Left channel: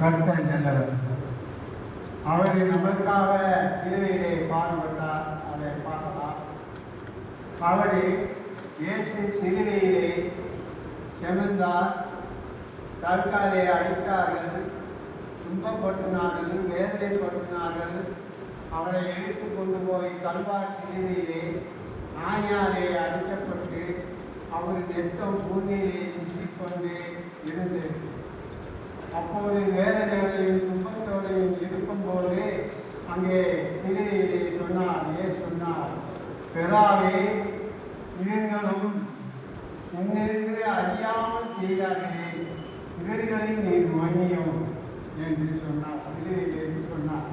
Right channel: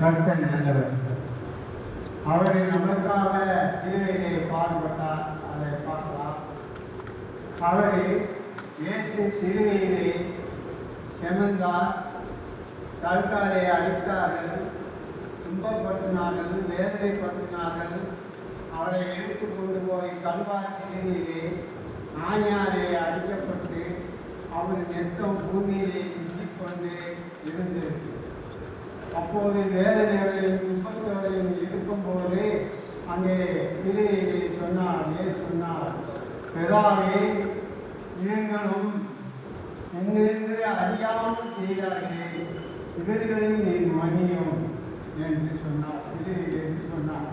கர்த்தர் நல்லவர். அவர் நமக்காக சிலுவையிலே பாடுபட்டார். அதை பார்க்கலாம். அவர் இயேசு சிலுவையிலே செமந்தார், சர்க்காரை அடித்தார்கள், துன்பப்பட்டினார்கள், வேதனைப்பட்டினார்கள். அவரை எடுத்து கொண்டு போய் கல்வாய் சிலுவையிலே ஆணியாலே அடிக்கப்பட்டு அவர் நெத்தம் பூமியிலே சிந்திக்கொண்டு இருந்தது. அப்போது வேதனையோடையும் துன்பத்தோடையும் இருக்கும்போது அங்கே சிலுவையிலே சொன்னார், பிதாவே, இவர்களும் உன்னிருந்து அறியாமல் செய்தார்களே, இவர்களை நீ மன்னியும் என்று சொன்னார். சிலுவையிலே சொன்னார்.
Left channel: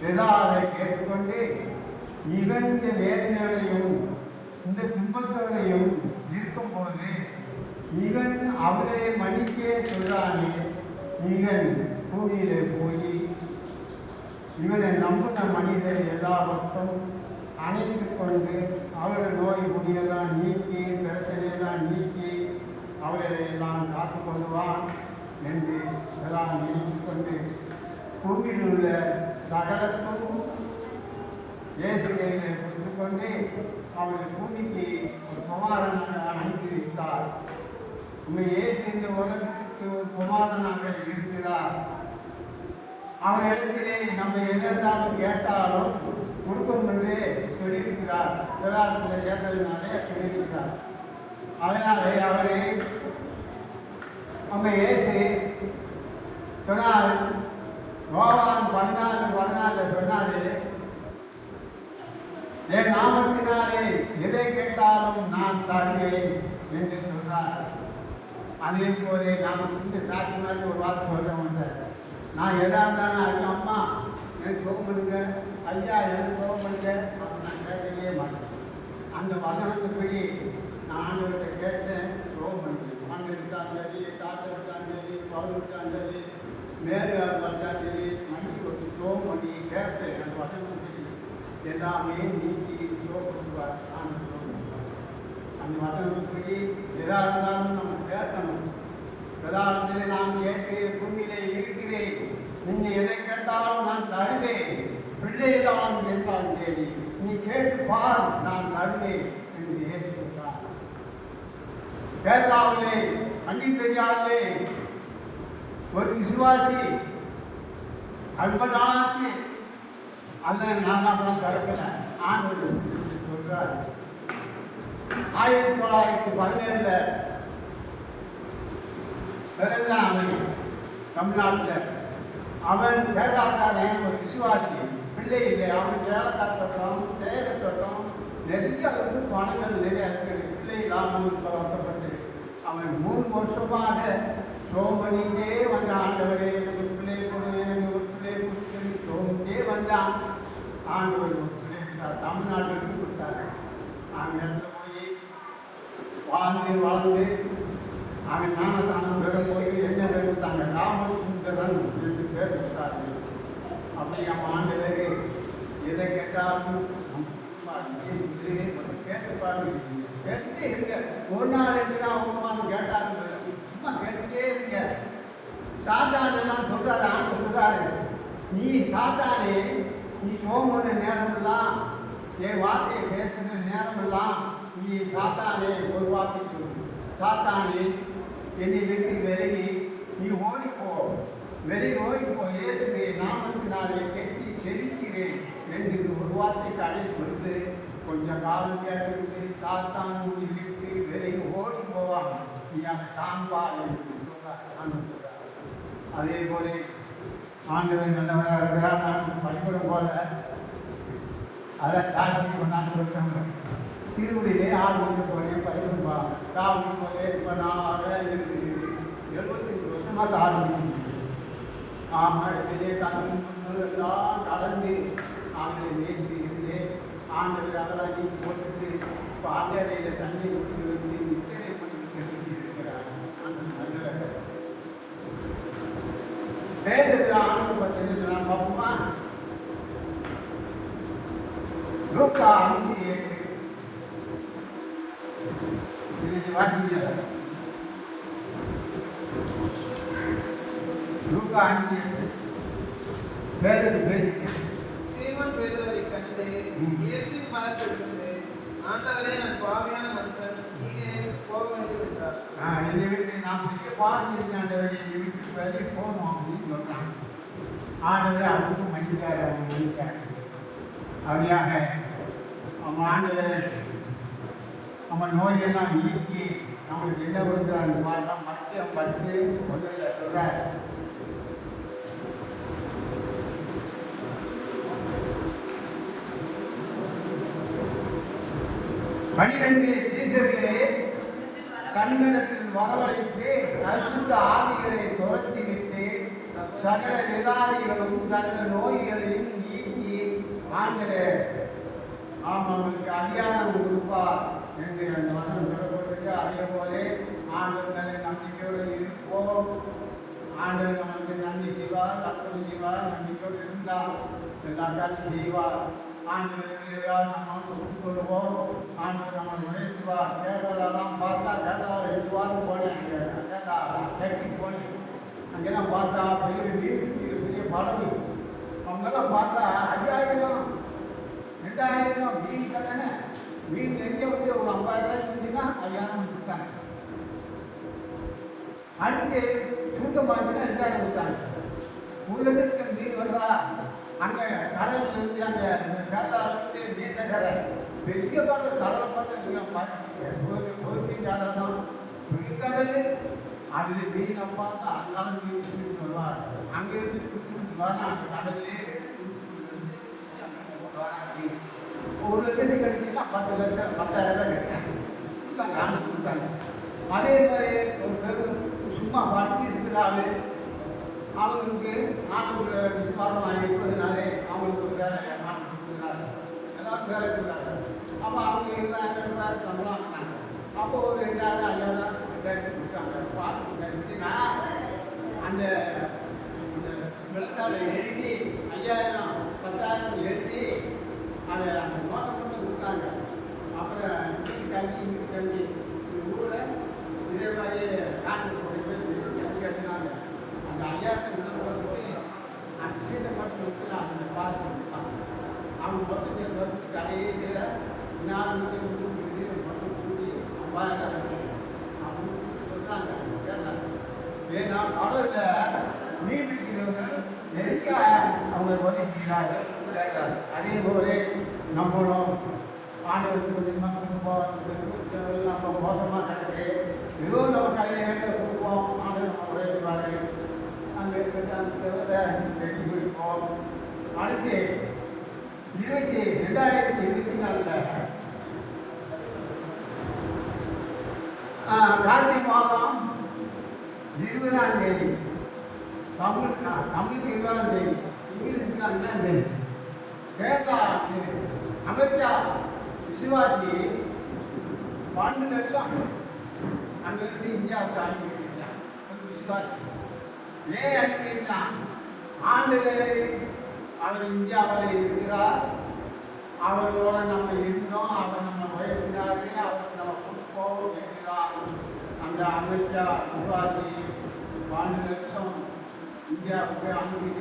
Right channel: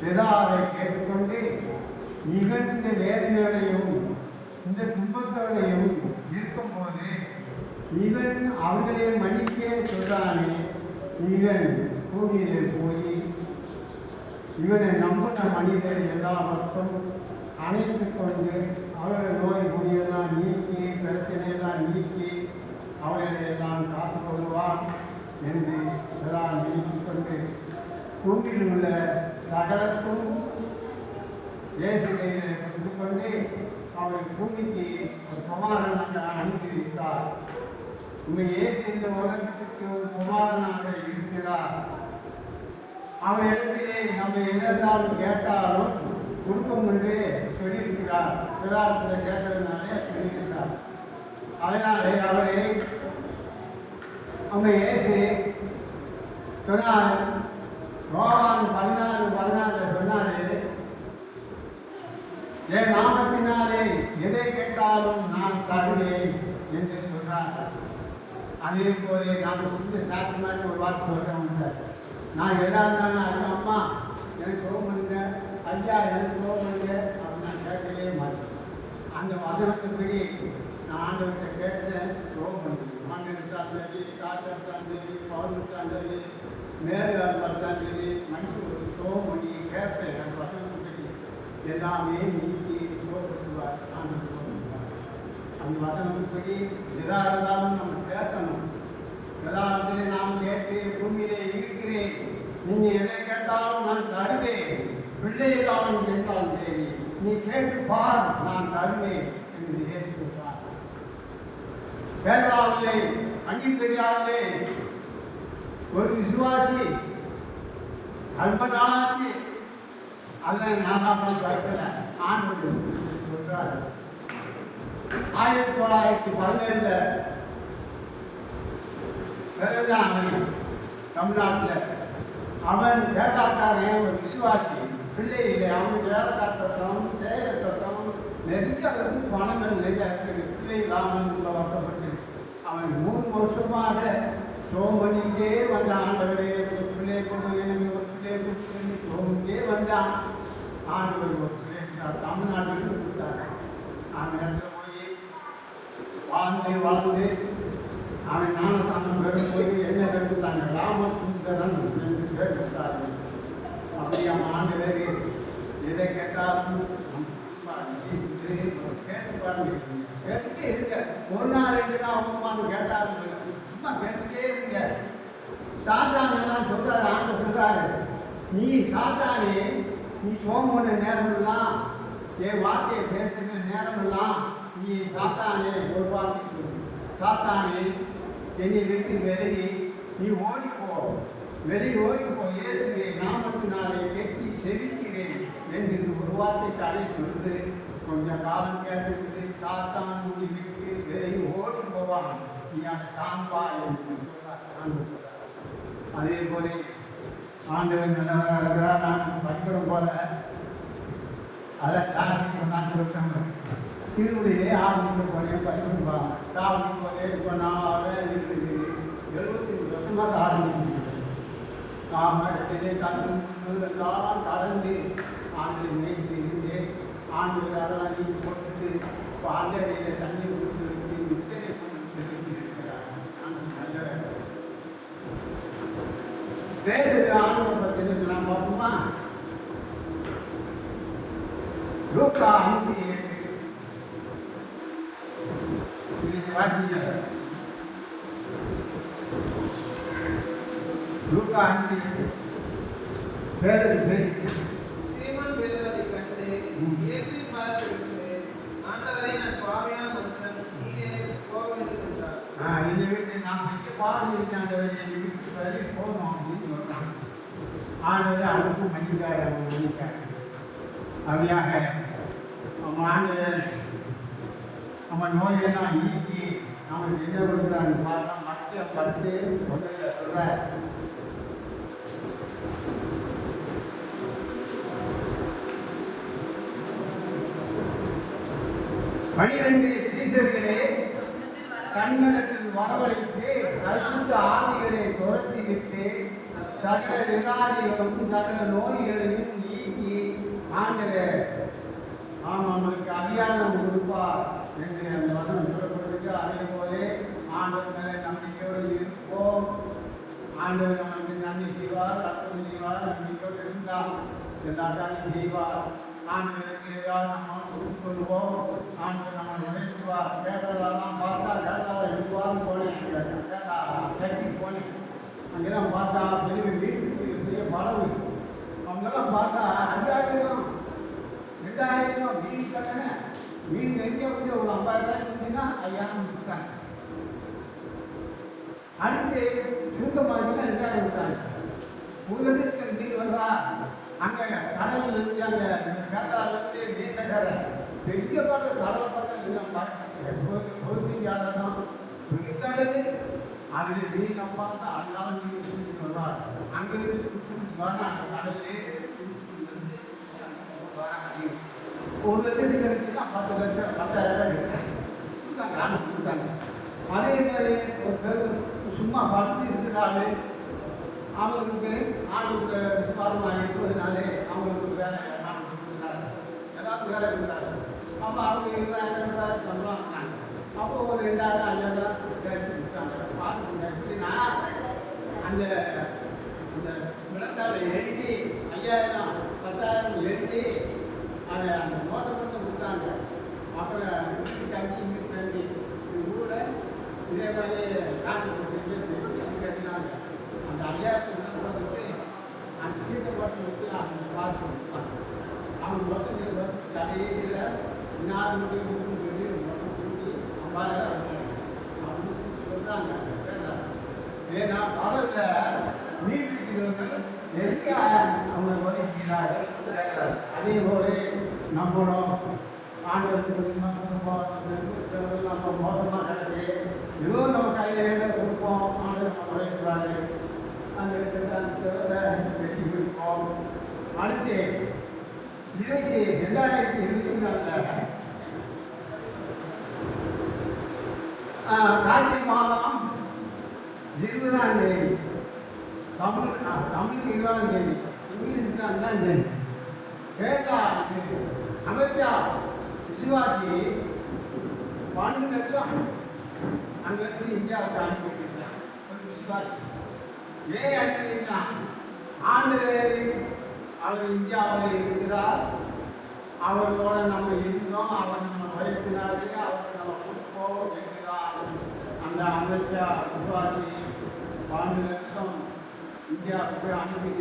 பிதாவை கேட்டுக்கொண்டு இவன் இந்த வேதனையோடையும் இந்த துன்பத்தோடையும் இருக்கும்போது இவன் அவர்களை மன்னிக்கே சொல்றானே, இவன் பூமியிலே போய் இவனை நம்பின மனிதர் எல்லா மக்களும் அணைத்து கொண்டு அவருடைய நோய் குடியெல்லாம் நீக்கி, பிரச்சனையெல்லாம் நீக்கி அவர்களை எல்லாம் காத்துக்கொள்வான் என்று எல்லாம் நினைத்து கொண்டு பூமியில் உள்ள சகலத்தும் இயேசு கையிலே கொண்டு அவர் பூமிக்கு ஒரு குமாரனாக அனுப்பி வைத்தார். இயேசு இந்த உலகத்துக்கு ஒரு குமாரனாக இருக்கிறார். அவர் இடத்திலே நம்ம எதாலும் கேட்டாலும் கொடுக்கும் என்று சொல்லியிருக்கிறார். யதார்த்தத்தில் கேட்டதுனாலே சொல்லியிருக்கிறார். அதனாலே அவரை அவங்க இயேசு சொன்னார். யோவான் 14:14 சொன்னாரு, என் நாமத்தினாலே எதை கேட்டாலும் நான் தருவேன் என்று சொல்றார். அதே போல நாம் சிந்து சாட்சி மாதிரி ஒரு வார்த்தை சொல்கிறவங்க, நான் எதா இருந்தாலும் ஐயா அம்மா எனக்கு சோகம் பண்ணுங்க, ஐயா எனக்கு சோகம் பண்ணுங்க அப்படின்னு நான் கேட்கவே மாட்டேன். அந்த வசனத்துப்படி நான் ஆண்டவர்கிட்ட கேட்டேன், சோகம் பண்ணுறேன். மண் எடுத்தாலும் சரி, காற்று எடுத்தாலும் சரி, பவர் எடுத்தாலும் சரி, மேலே பார்த்தாலும் சரி, மண்டி ஒரு சோகம் பண்ணி கேட்பேன். அந்த வசனத்துப்படி எல்லாமே நீக்கி சோகப்படுவார். அந்த வசனத்துப்படி எதா இருந்தாலும் நம்ம கேட்கணும். யதார்த்தத்திலே நாம் கேட்டு பூமியிலே இருக்கிறேன், நீங்கள் எதை கேட்டாலும் நான் தருவேன். பிள்ளைகளாலும் கேட்டாலும் சரி, நீ கேட்டு பார், நான் தருவேன் என்று இயேசு சொல்றார். கேரளாவிலே அங்கீகரியாவிலே ஒரு விசுவாசி ரொம்ப நாளாச்சு, அதில் நான் போய் கேட்கல. ஆண்டு சொல்றார். 1917 பிறந்தான் அவன் தமிழ்நாட்டில். அவன் கேட்டாக்காரன் ஒரு விசுவாசி, பிள்ளை இல்லை. அவனுக்கு வேலைக்கார தோட்டம், தேயிலை தோட்டம், நிறைய பணங்கள் நிறையா இருக்குது. பிள்ளை இல்லாமல் வருத்தப்பட்டு அவன் 3 வருஷமாக சோகம் பண்ணிக்கிட்டே வந்தான். ஆண்டவரே ஒரு பிள்ளை கொண்டு, ஒரு பிள்ளை கொடுத்து சோகத்தே வந்தான். ஆண்டவர் ஒரு பிள்ளை தமிழ்நாட்டுக்கு கொடுத்தாரு. அவன் இடத்துல போய் வாழ்ந்து அவன் ஞானத்தானம் பேர போய் என்ன எடுத்தாங்க, ராமசுந்தரன் என்று பேர் கொடுத்தார்கள். அப்படி அவன் ஆண்டவர் எதை கேட்டாலும் கேட்டு பாருங்க, கேட்டுட்டே இருங்க. ஒரு நாள் 2 நாள் அவமானம் கேட்டாருங்க, சும்மா கேட்டுட்டே இருங்க. சாத்தானெல்லாம் சொல்றாரு, ஆண்டு சொல்றாரு, நீ சாத்தானே, நீ சோம்பன நேரமெல்லாம், என் வார்த்தையை பேசுகிற நேரமெல்லாம் நீ சாத்தானே ஒரு வார்த்தை சொல்லு. சாத்தானே, என்னை விட்டு விலகி நீ ஓடிப்போ, வெளியே ஓடிப்போ, இயேசுவை நாமத்தினாலே கெட்டி செலுக்கிறேன் என்று ஒரு வார்த்தை கடை சொல்லு. கொஞ்ச காலம் கேட்டுக்கிட்டு சாத்தான் ஊடி விட்டு விலகி ஓடி போவான். நீ அதை காண்பா என்று சொல்றார். அதே போல ஆண்டவன் நல்லவராக இருக்கிறார். நான் பயப்படும் போல அதை சாதிக்கு நான் சொல்கிறேன். சிறுவடியிலே ஆரம்பிக்க போலே பயப்படுவாங்க. சாப்பிட்டு போலே இப்போ நான் 75 வருஷமாக ஆரம்பிச்சு இடத்திலே எல்லாம் கடந்து ஆண்டை மேய்ச்சி இருந்தேன். ஆண்டவர் அதெல்லாம் நீக்கி போட்டுட்டு இப்போ ஆண்டையில் தண்ணீர் ஊற்றி வச்சு நித்திரை பண்ணி இருக்கிறார். நல்லவர் பேர் ஆண்டு பற்றி நான் பார்ப்போமா? லூக்கா 5:7 வாசிங்க. லூக்கா 5 பேருக்கு சீமோன் பேதுருவை கண்டு இயேசு பாதத்தில் விழுந்து, ஆண்டவரே, நான் பாவியான மனுஷன், நீர் என்னை போக வேண்டும் என்றார். என்னை விட்டு நாம் பாடி ஆண்டவரை என்னை விட்டு வெளியே போகணும் அப்படின்னு சொல்றாங்க. ஆண்டவரை அவனுக்கு மன்னிக்காரு, அவன் மன்னிக்காரு. அப்படியாக நம்ம ஆண்டவரை நம்ம நோயெல்லாம் நீக்கி நம்மளுக்கு என்ன கொடுக்குறாங்க பார்த்தா மத்திய 10 சொல்றார். பனிரெண்டு சீசர்களே கண்களில் வரவழைத்து அசுத்த ஆவிகளை துரத்திவிட்டு சகல விதாரிகளும் சகல நோய்களையும் நீக்கி ஆண்டவர் அவங்களுக்கு அதிகாரம் கொடுப்பார் என்று அந்த மதம் சொல்லப்படுது. அதே போல ஆண்டவர் மேலே நம்பிக்கையோடு இருப்போம். ஆண்டவர் நம்மளுக்கு நன்மை செய்வார், அற்புதம் செய்வார். நம்பிக்கையோடு இருந்தால் எல்லாம் நன்மை செய்வார். ஆண்டவருக்கு ஏதாவது நம்ம கொடுத்து கொள்வோம். ஆண்டவர் நம்மளை உழைக்குவார். கேரளாலாம் பார்த்தா கேரளாவை எழுதுவான்னு போனேன். கேரளா சைக்கிள் போனேன். அங்கெல்லாம் பார்த்தா பெரிய பெரிய படகு அவங்கெல்லாம் பார்த்தா 5000 2000 மீன் கடனை மீன் எங்கே வந்து ஒரு 50,000 இருந்துச்சுன்னா 5000 கொடுத்தாங்க. அங்கே சுருக்கமாச்சுன்னா 2000 கொடுத்தாங்க. உங்களுக்கு மீன் வந்தா அங்கே கடலில் இருந்து அங்கே கேரளாவிலிருந்து நீண்டக்கரை பெரிய பாட்டு கடலை பார்த்து பொறுப்பிக்காதான் பெருங்கடல் அதில் மீனை பார்த்தா அதனால மீன் சொன்னார். அங்கிருந்து அந்த கடலே ஒரு லட்சத்துக்கு கிடைச்சின்னா 10 லட்சம் 10,000 கொடுத்தாங்க. கொடுத்தாங்க. அதே மாதிரி ஒரு பேர் சும்மா படிச்சு இருக்கிறாரு. அவங்களுக்கு ஆண்டுக்கு விசுவாசமாக இருப்பதுனாலே அவங்களுக்கு ஒரு வேலை கொடுக்குறாங்க. ஏதாவது வேலை கொடுக்குறாங்க. அப்போ அவங்க 20,000 சம்பளம் வாங்கினாங்க. அப்போ ஒரு 2,000 5,000 கொடுத்தாங்க. பார்த்து எப்படின்னா அந்த அந்த விளத்தாளை எழுதி 5,000 10,000 எழுதி அதை அந்த நோட்டை மட்டும் கொடுத்தாங்க. அப்புறம் இங்கிட்டு தங்கி ஊரை இதே மாதிரி கட்டினாங்க. அந்த 5,000 உள்ள போட்டுட்டு அந்த சீட்டை மட்டும் வச்சு அந்த பால் கொடுப்பாங்க. அவங்க மொத்தம் 2 வருஷத்துக்கு கடைசியில் 4 சொல்லி மொத்தம் கூட்டி 50,000 அப்படின்னு சொல்கிறாங்க. ஏன்னா படத்தில் மீன் பிடிக்கிறவங்க நிறைய அவங்க நோய்க்கிறார்கள். அதே போல நம்மளும் ஆண்டவருக்கு நம்ம குடும்பம் நம்ம மோசமாக நடக்கு ஏதோ நம்ம கையில் கொடுப்போம். ஆண்டவர் நம்ம உழைப்பாரு. அந்த கொடுப்போம். அடுத்து 2024 கார்த்திகை மாதம் 20ஆம் தேதி தமிழுக்கு 20ஆம் தேதி இங்கிலீஷுக்கு 5ஆம் தேதி கேரளா அமெரிக்கா விசுவாசி 12 லட்சம் அங்கிருந்து இந்தியாவுக்கு அனுப்பி வைக்கிறார். ஒரு விசுவாசி ஏன் அனுப்பி வைத்தான்? ஆண்டவர் அவர் இந்தியாவில் இருக்கிறார். அவர்களோட நம்ம இருந்தோம். அவர் நம்ம பயத்தினாரு. அவருக்கு நம்ம கொடுப்போம் இருக்கிறார். அந்த அமெரிக்கா விசுவாசி 12 லட்சம் இந்தியாவுக்கு அனுப்பி